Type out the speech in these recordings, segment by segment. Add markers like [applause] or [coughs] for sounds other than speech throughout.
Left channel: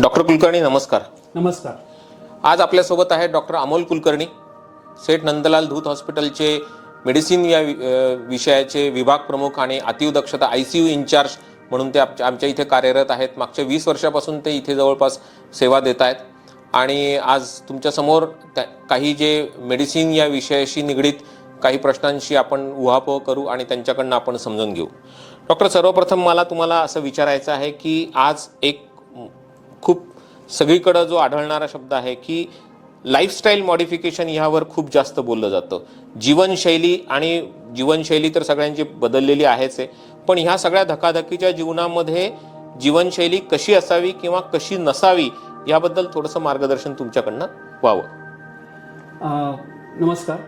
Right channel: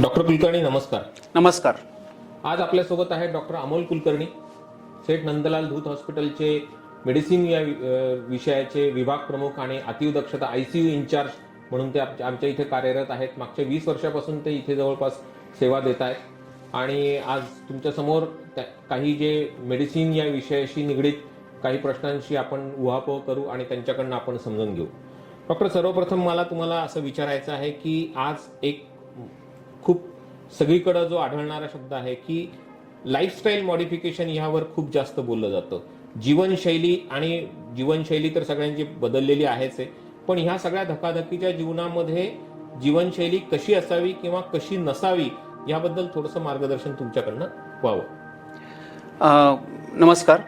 Doctor Kulkarni नमस्कार. नमस्कार. आज आपल्यासोबत आहे डॉक्टर अमोल कुलकर्णी सेठ नंदलाल धूत हॉस्पिटलचे मेडिसिन या विषयाचे विभाग प्रमुख आणि अतिदक्षता I C U in charge म्हणून ते आमच्या इथे कार्यरत आहेत. मागच्या वीस वर्षापासून ते इथे जवळपास सेवा देत आहेत. आणि आज तुमच्यासमोर काही जे मेडिसिन या विषयाशी निगडीत काही प्रश्नांशी आपण उहापोह करू आणि त्यांच्याकडनं आपण समजून घेऊ. डॉक्टर सर्वप्रथम मला तुम्हाला असं विचारायचं आहे की आज एक खूप सगळीकडं जो आढळणारा शब्द आहे की लाईफस्टाईल मॉडिफिकेशन ह्यावर खूप जास्त बोललं जातं. जीवनशैली आणि जीवनशैली तर सगळ्यांची बदललेली आहेच आहे. पण ह्या सगळ्या धकाधकीच्या जीवनामध्ये जीवनशैली कशी असावी किंवा कशी नसावी याबद्दल थोडंसं मार्गदर्शन तुमच्याकडनं व्हावं. नमस्कार.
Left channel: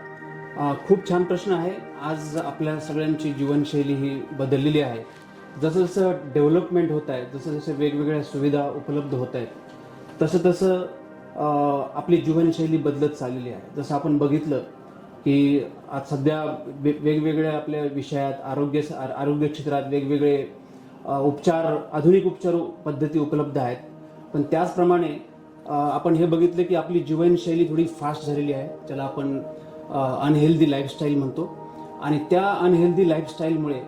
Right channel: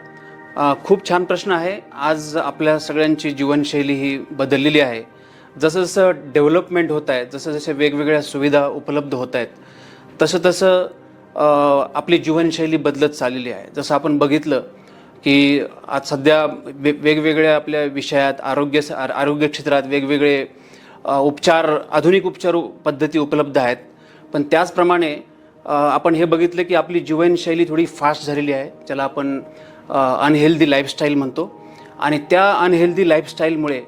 खूप छान प्रश्न आहे. आज आपल्या सगळ्यांची जीवनशैली ही बदललेली आहे. जसं जसं डेव्हलपमेंट होत आहे जसं जसे वेगवेगळ्या सुविधा उपलब्ध होत आहेत तसं तसं आपली जीवनशैली बदलत चाललेली आहे. जसं आपण बघितलं की आज सध्या वे वेगवेगळ्या आपल्या विषयात आरोग्य आर- आरोग्य क्षेत्रात वेगवेगळे उपचार आधुनिक उपचार पद्धती उपलब्ध आहेत. पण त्याचप्रमाणे आपण हे बघितलं की आपली जीवनशैली थोडी फास्ट झालेली आहे ज्याला आपण अनहेल्दी लाईफस्टाईल म्हणतो. आणि त्या अनहेल्दी लाईफस्टाईलमुळे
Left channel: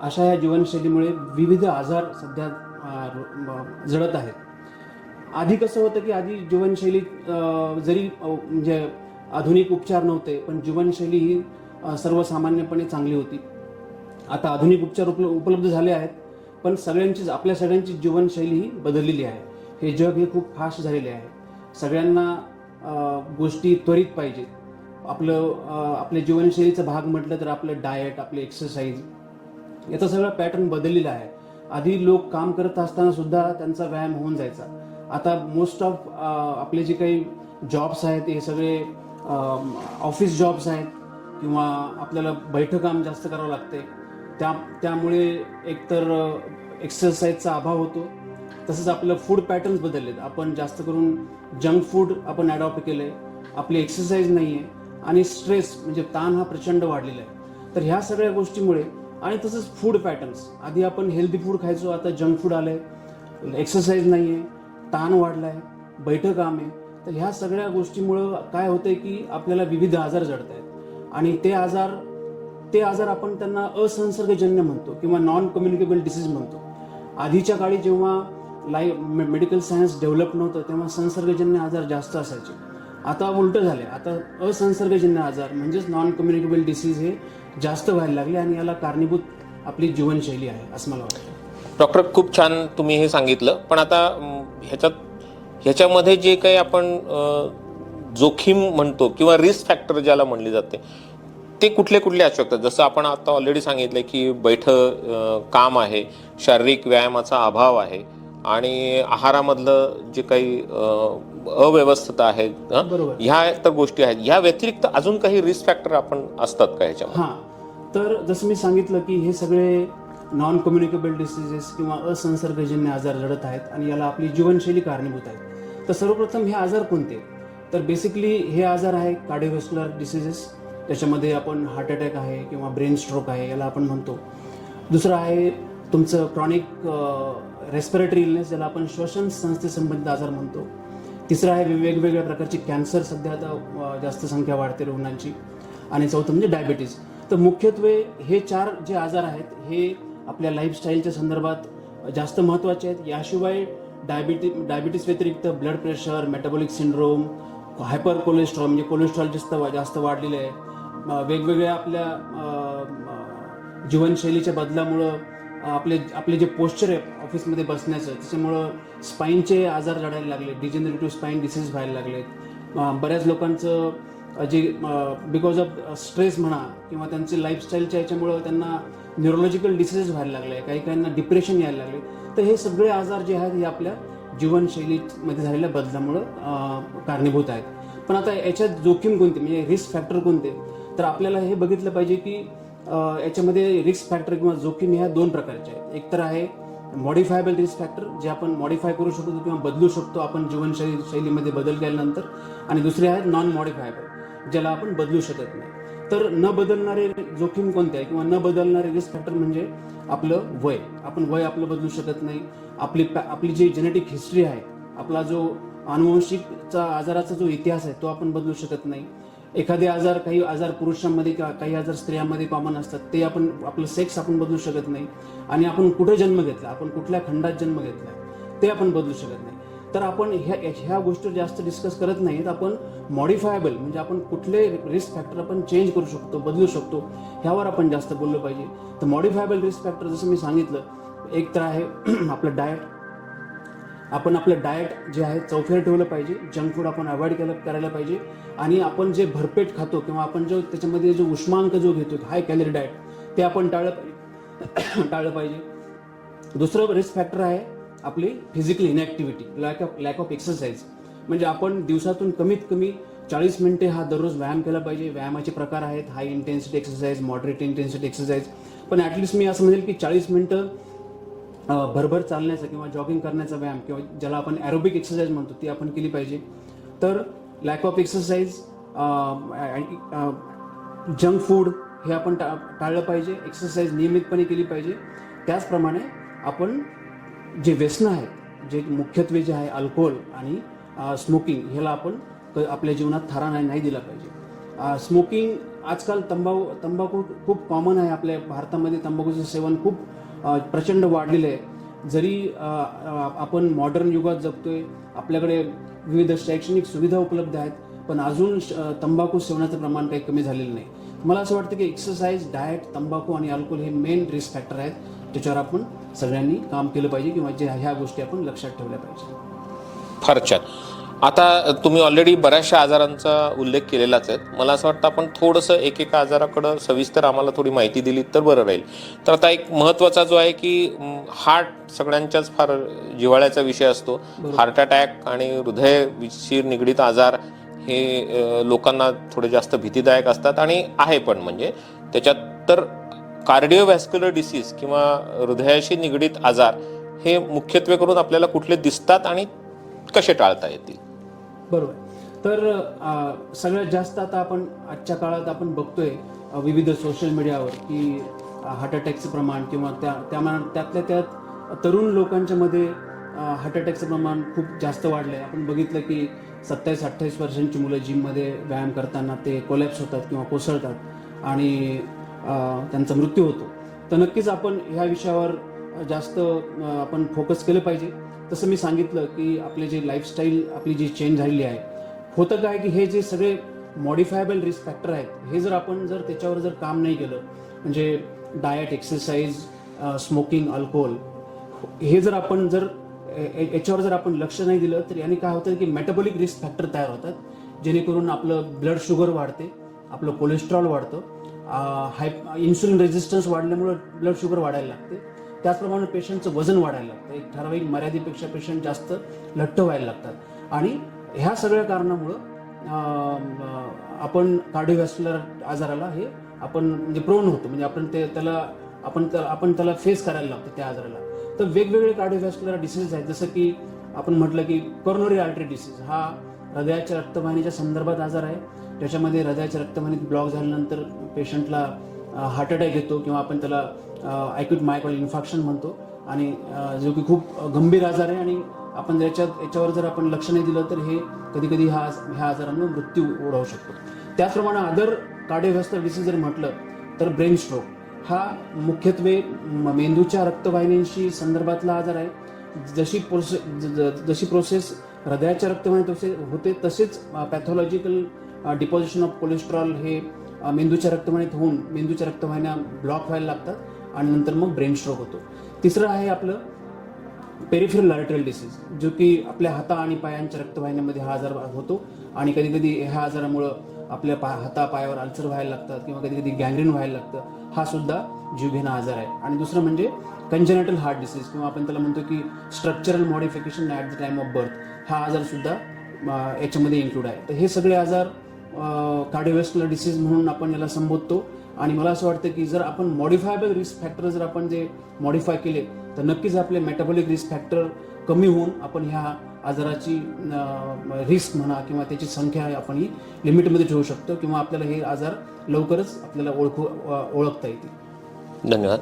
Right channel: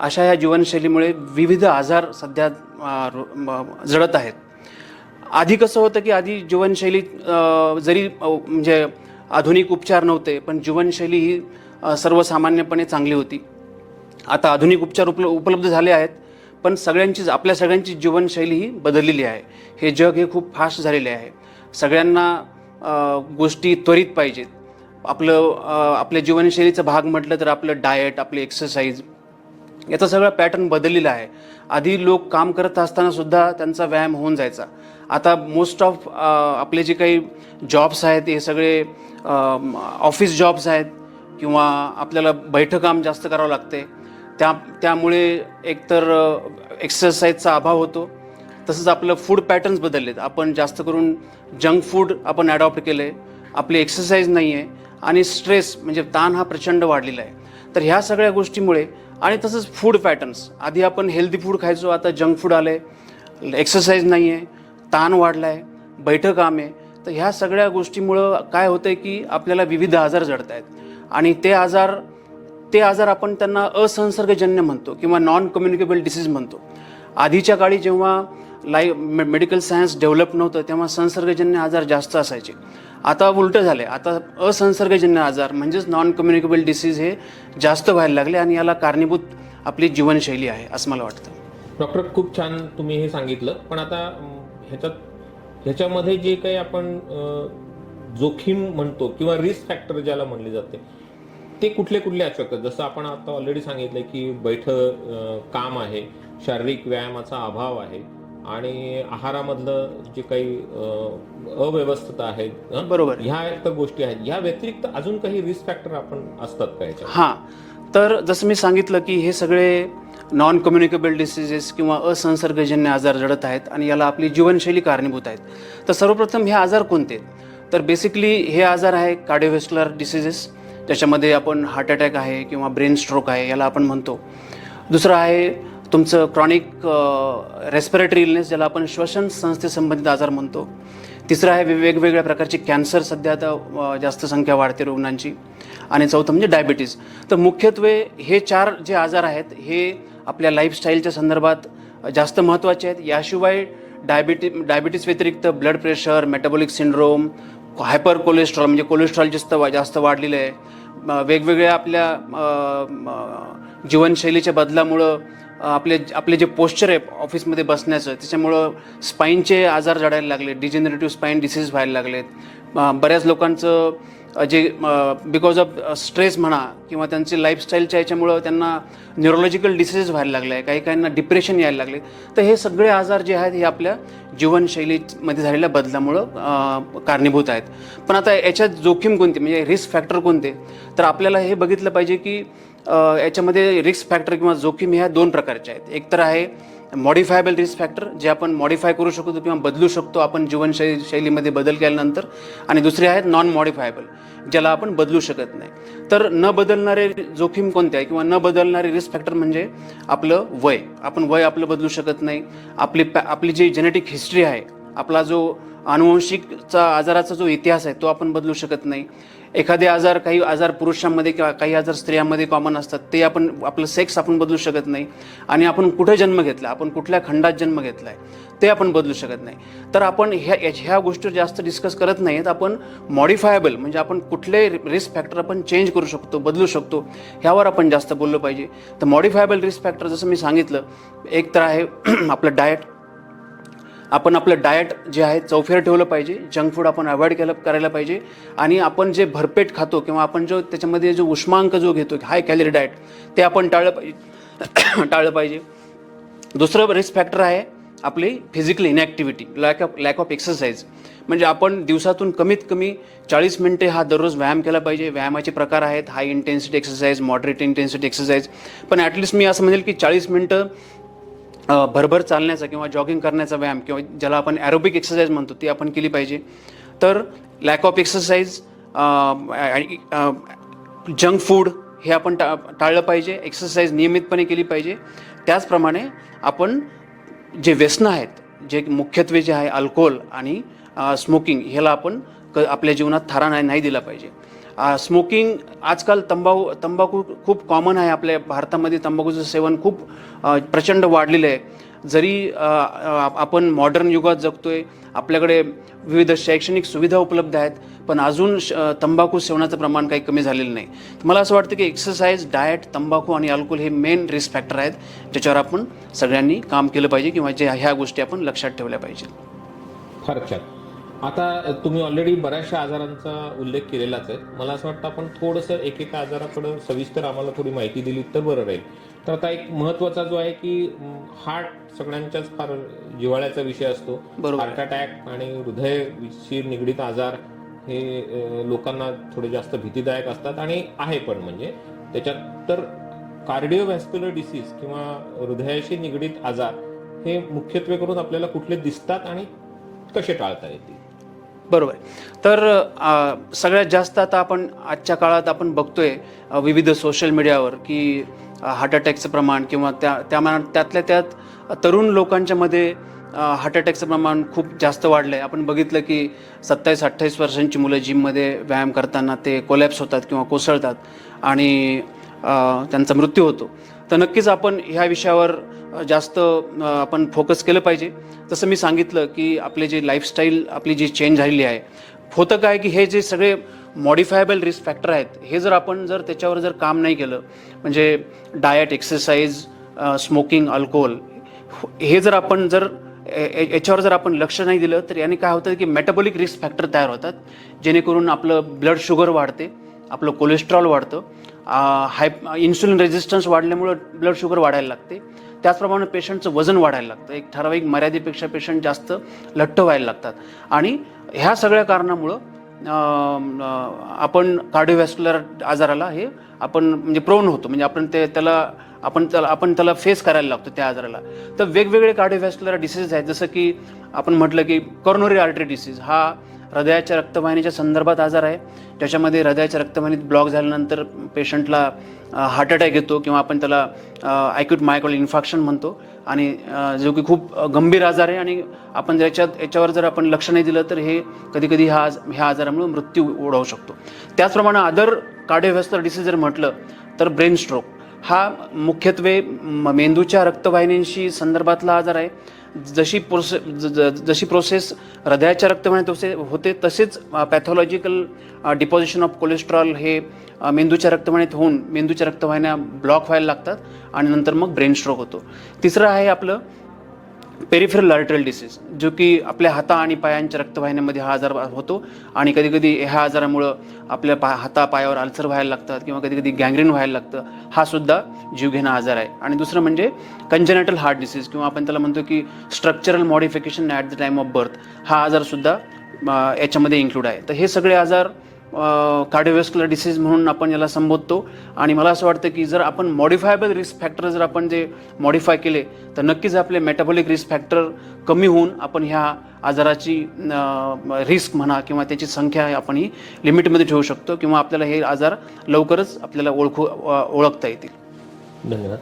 अशा या जीवनशैलीमुळे विविध आजार सध्या जडत आहेत. आधी कसं होतं की आधी जीवनशैली जरी म्हणजे आधुनिक उपचार नव्हते पण जीवनशैली ही सर्वसामान्यपणे चांगली होती. आता आधुनिक उपचार उपल उपलब्ध झाले आहेत पण सगळ्यांचीच आपल्या सगळ्यांची जीवनशैली ही बदललेली आहे. हे जग हे खूप फास्ट झालेले आहे. सगळ्यांना गोष्टी त्वरित पाहिजेत. आपलं आपल्या जीवनशैलीचा भाग म्हटलं तर आपलं डाएट आपली एक्सरसाइज याचा सगळा पॅटर्न बदललेला आहे. आधी लोक काम करत असताना सुद्धा त्यांचा व्यायाम होऊन जायचा. आता मोस्ट ऑफ आपले जे काही जॉब्स आहेत हे सगळे ऑफिस जॉब्स आहेत किंवा आपल्याला बैठं काम जास्त करावं लागते. त्या त्यामुळे एकतर एक्सरसाइजचा अभाव होतो. तसंच आपलं फूड पॅटर्न्स बदललेत. आपण जास्त करून जंक फूड आपण ॲडॉप्ट केलं आहे आपली एक्सरसाइज नाही आहे आणि स्ट्रेस म्हणजे ताण हा प्रचंड वाढलेला आहे. तर ह्या सगळ्या गोष्टीमुळे आणि तसंच फूड पॅटर्न्स आधी आपण हेल्दी फूड खायचो आता जंक फूड आलं आहे एक्सरसाइज नाही आहे ताण वाढला आहे बैठं काम आहे तर ह्या सगळ्या गोष्टीमुळं काय होतं आहे की आपल्याला विविध आजार जडत आहेत आणि ते आजार ते आजार आपण त्यांना असंसर्गजन्य म्हणतो किंवा नॉन कम्युनिकेबल डिसीज म्हणतो. आधीच्या काळी जेव्हा लाईफ मेडिकल सायन्स डेव्हलप नव्हतं तेव्हा संसर्गजन्य आजार जास्त असायचे. आता उलटं झाले आता असंसर्गजन्य आजार म्हणजेच नॉन कम्युनिकेबल डिसीज हे जास्त व्हायला लागले आणि याला कारणीभूत आपली जीवनशैली आहे असं मला वाटतं. डॉक्टर खूप छान तुम्ही हे सांगितलं. पण आता ह्याच्यात ह्याच्यामध्ये जे काही आपण जोखीम म्हणतो किंवा रिस्क फॅक्टर ज्याला म्हणले जाते ते कुठले कुठले असू शकतात? जसं आपण आता ऑलरेडी सांगितलं की बैठ काम आहे शारीरिक व्यायामाचा अभाव आहे. आणि आहारामधलं जे काही अव्यवस्थता आहे? बरोबर. ह्या तर गोष्टी आहेत. ह्या व्यतिरिक्त अजून काही रिस्क फॅक्टर आपण असतात का ह्याच्या हां. तर जसं मी सांगितलं की हे सगळे नॉन कम्युनिकेबल डिसिजेस किंवा असंसर्गजन्य आजार जडत आहेत आणि याला आपली जीवनशैली कारणीभूत आहेत. तर सर्वप्रथम हे आजार कोणते? तर बेसिकली हे आजार आहे कार्डिओव्हेस्क्युलर डिसिजेस ज्याच्यामध्ये आपण हार्ट अटॅक आहे किंवा ब्रेन स्ट्रोक आहे याला आपण म्हणतो. दुसरं आहे तुमचं क्रॉनिक रेस्पिरेटरी इलनेस ज्याला आपण श्वसन संस्थेसंबंधित आजार म्हणतो तिसरं आहे वे- वेगवेगळ्या प्रकारची कॅन्सर सध्या आता जास्त संख्या वाढते रुग्णांची. आणि चौथं म्हणजे डायबिटीज तर मुख्यत्वे हे चार जे आजार आहेत हे आपल्या लाईफस्टाईलच्या संदर्भात जास्त महत्त्वाचे आहेत. याशिवाय डायबिटी डायबिटीज व्यतिरिक्त blood pressure metabolic syndrome hyper cholesterol म्हणजे कोलेस्ट्रॉल जास्त जास्त वाढलेलं आहे. वेगवेगळ्या आपल्या जीवनशैलीच्या बदलामुळं आपले आपले जे पोश्चर आहे ऑफिसमध्ये बसण्याचं त्याच्यामुळं स्पाईनचे आजार जडायला लागले डिजेनरेटिव्ह स्पाईन डिसीज व्हायला लागलेत. बऱ्याच लोकांचं जे बिकॉज ऑफ स्ट्रेस म्हणा किंवा त्यांची लाईफस्टाईलच्या याच्यामुळं त्यांना न्यूरोलॉजिकल डिसीजेस व्हायला लागले आहे काही काहींना डिप्रेशन यायला लागले. तर हे सगळे आजार जे आहेत हे आपल्या जीवनशैलीमध्ये झालेल्या बदलामुळं कारणीभूत आहेत. पण आता याच्यात जोखीम कोणती म्हणजे रिस्क फॅक्टर कोणते? तर आपल्याला हे बघितलं पाहिजे की याच्यामध्ये रिस्क फॅक्टर किंवा जोखीम ह्या दोन प्रकारच्या आहेत. एक तर आहे मॉडिफायबल रिस्क फॅक्टर जे आपण मॉडिफाय करू शकतो किंवा बदलू शकतो आपण जीवनशैली शैलीमध्ये बदल केल्यानंतर. आणि दुसरे आहेत नॉन मॉडिफायबल ज्याला आपण बदलू शकत नाही. तर न बदलणारे जोखीम कोणते आहे किंवा न बदलणारे रिस्क फॅक्टर म्हणजे आपलं वय. आपण वय आपलं बदलू शकत नाही. आपली पॅ- आपली जी जेनेटिक हिस्ट्री आहे आपला जो अनुवंशिकचा आजाराचा जो इतिहास आहे तो आपण बदलू शकत नाही. एखादे आजार काही आजार पुरुषांमध्ये किंवा काही आजार स्त्रियांमध्ये कॉमन असतात ते आपण आपलं सेक्स आपण बदलू शकत नाही. आणि आपण कुठे जन्म घेतला आपण कुठल्या खंडात जन्म घेतला आहे ते आपण बदलू शकत नाही. तर आपण ह्या ह्या गोष्टी जास्त डिस्कस करत नाहीत. आपण मॉडिफायबल म्हणजे आपण कुठले रिस्क फॅक्टर आपण चेंज करू शकतो बदलू शकतो ह्यावर आपण जास्त बोललो पाहिजे. तर मॉडिफायबल रिस्क फॅक्टर जसं मी सांगितलं एक तर आहे [clears throat] आपलं डाएट आपण आपलं डाएट जे आहे चौफेर ठेवलं पाहिजे. जंक फूड आपण अवॉइड केलं करायला पाहिजे. आणि आपण जे भरपेट खातो किंवा आपण जो त्याच्यामध्ये जो उष्मांक जो घेतो हाय कॅलरी डाएट ते आपण टाळलं पाहिजे. [coughs] टाळलं पाहिजे. दुसरं रिस्क फॅक्टर आहे आपली physical inactivity lack of lack of exercise म्हणजे आपण दिवसातून कमीत कमी चाळीस मिनटे हा दररोज व्यायाम केला पाहिजे. व्यायामाचे प्रकार आहेत high intensity exercise moderate intensity exercise पण ॲटलिस्ट मी असं म्हणेल की चाळीस मिनटं भरभर चालण्याचा किंवा जॉगिंग करण्याचा व्यायाम किंवा ज्याला आपण ॲरोबिक एक्सरसाइज म्हणतो ती आपण केली पाहिजे. तर lack of exercise junk food हे आपण टा टाळलं पाहिजे. एक्सरसाइज नियमितपणे केली पाहिजे. त्याचप्रमाणे आपण जे व्यसनं आहेत जे मुख्यत्वे जे आहे अल्कोहोल आणि स्मोकिंग ह्याला आपण क आपल्या जीवनात थारा नाही नाही दिला पाहिजे. स्मोकिंग आजकाल तंबाखू तंबाखू खूप कॉमन आहे. आपल्या भारतामध्ये तंबाखूचं सेवन खूप प्रचंड वाढलेलं आहे. जरी आपण मॉडर्न युगात जगतोय आपल्याकडे विविध शैक्षणिक सुविधा उपलब्ध आहेत पण अजून श- तंबाखू सेवनाचं प्रमाण काही कमी झालेलं नाही. तर मला असं वाटतं की एक्सरसाइज डाएट तंबाखू आणि अल्कोहोल हे मेन रिस्क फॅक्टर आहेत ज्याच्यावर आपण सगळ्यांनी काम केलं पाहिजे किंवा जे ह्या गोष्टी आपण लक्षात ठेवल्या पाहिजे. फार छान. आता तुम्ही ऑलरेडी बऱ्याचशा आजारांचा उल्लेख केलेलाच आहे. मला असं वाटतं आपण थोडंसं एकेका आजाराकडं सविस्तर आम्हाला थोडी माहिती दिली तर बरं राहील. तर आता एक महत्त्वाचा जो आहे की हार्ट सगळ्यांच्याच फार जिव्हाळ्याचा विषय असतो. हार्ट अटॅक आणि हृदयविषयी निगडीत आजार हे लोकांना थोडे जास्त भीतीदायक असतात आणि आहे पण म्हणजे. त्याच्यात तर कार्डिओव्हॅस्क्युलर डिसीज किंवा हृदयाशी निगडीत आजार हे मुख्यत्वे करून आपल्याला कुठले दिसतात आणि कसे टाळता येतील? बरोबर आहे. तर सगळ्यात जास्त आता आपण आजच्या काळात आपण बघतोय विविध सोशल मीडियावर की हार्ट अटॅकचं प्रमाण किंवा त्या त्या त्यातल्या त्यात तरुण लोकांच्यामध्ये हार्ट अटॅकचं प्रमाण खूप जास्त वाढलं आहे आपण बघितलं की सत्तावीस अठ्ठावीस वर्षांची मुलं जिममध्ये व्यायाम करताना ते कोलॅप्स होतात किंवा कोसळतात आणि त्यांचा मृत्यू होतो तर नक्कीच आपण ह्या विषयावर जास्त आपण फोकस केलं पाहिजे. तसं मी सांगितलं की आपले जे लाईफस्टाईल आपली जी चेंज झालेली आहे होतं काय की हे जे सगळे मॉडिफायबल रिस्क फॅक्टर आहेत हे जर आपण जर त्याच्यावर जर काम नाही केलं म्हणजे डाएट एक्सरसाइज स्मोकिंग अल्कोहोल हे जर आपण जर ए- याच्यावर जर आपण लक्ष नाही दिलं तर याने काय होतं की मेटाबॉलिक रिस्क फॅक्टर तयार होतात जेणेकरून आपलं ब्लड शुगर वाढते आपलं कोलेस्ट्रॉल वाढतं हाय इन्सुलिन रेजिस्टन्स वाढल्यामुळं ब्लड शुगर वाढायला लागते त्याचप्रमाणे पेशंटचं वजन वाढायला लागतं. एक ठराविक मर्यादेपेक्षा पेशंट जास्त लठ्ठ व्हायला लागतात. आणि ह्या सगळ्या कारणामुळं आपण कार्डिओव्हॅस्क्युलर आजाराला हे आपण म्हणजे प्रोन होतो. म्हणजे आपण ते त्याला आपण त्याला आपण त्याला फेस करायला लागतो त्या आजाराला. तर वेगवेगळे कार्डिओव्हॅस्क्युलर डिसीज आहेत. जसं की आपण म्हटलं की कॉर्नोरी आर्टरी डिसीज हा हृदयाच्या रक्तवाहिनीच्या संदर्भात आजार आहे. त्याच्यामध्ये हृदयाच्या रक्तवाहिनीत ब्लॉक झाल्यानंतर पेशंटला हार्ट अटॅक येतो किंवा आपण त्याला ॲक्यूट मायकॉल इन्फॅक्शन म्हणतो. आणि जो की खूप गंभीर आजार आहे आणि आपण याच्यात याच्यावर जर आपण लक्ष नाही दिलं तर हे कधीकधी हा ह्या आज- ह्या आजारामुळे मृत्यू ओढवू शकतो. त्याचप्रमाणे अदर कार्डिओव्हॅस्क्युलर डिसीज जर म्हटलं तर ब्रेन स्ट्रोक हा मुख्यत्वे म- मेंदूच्या रक्तवाहिन्यांशी संदर्भातला आजार आहे. जशी प्रोसे ज- ज- जशी प्रोसेस हृदयाच्या रक्तवाहिन्यात होते होते तसेच पॅथॉलॉजिकल डिपॉझिशन ऑफ कोलेस्ट्रॉल हे मेंदूच्या रक्तवाहिन्यात होऊन मेंदूच्या रक्तवाहिन्या ब्लॉक व्हायला लागतात आणि नंतर मग ब्रेन स्ट्रोक होतो. तिसरं आहे आपलं पेरिफेरल आर्टरल डिसीज जो की आपल्या हाता आणि पायांच्या रक्तवाहिन्यामध्ये हा आजार होतो आणि कधी कधी ह्या आजारामुळं आपल्या पा हाता पायावर अल्सर व्हायला लागतात किंवा कधी कधी गँग्रीन व्हायला लागतं हा सुद्धा जीवघेणा आजार आहे. आणि दुसरं म्हणजे कंजेनेटल हार्ट डिसीज किंवा आपण त्याला म्हणतो की structural modification at the time of birth हा आजारसुद्धा याच्यामध्ये इन्क्लूड आहे. तर हे सगळे आजार कार्डिओव्हॅस्क्युलर डिसीज म्हणून आपण याला संबोधतो. आणि मला असं वाटतं की जर आपण मॉडिफायबल रिस्क फॅक्टर जर आपण जे मॉडिफाय केले तर नक्कीच आपले मेटाबॉलिक रिस्क फॅक्टर कमी होऊन आपण ह्या आजाराची रिस्क म्हणा किंवा त्याची संख्या आपण ही लिमिटमध्ये ठेवू शकतो किंवा आपल्याला हे आजार लवकरच आपल्याला ओळखू ओळखता येतील. धन्यवाद.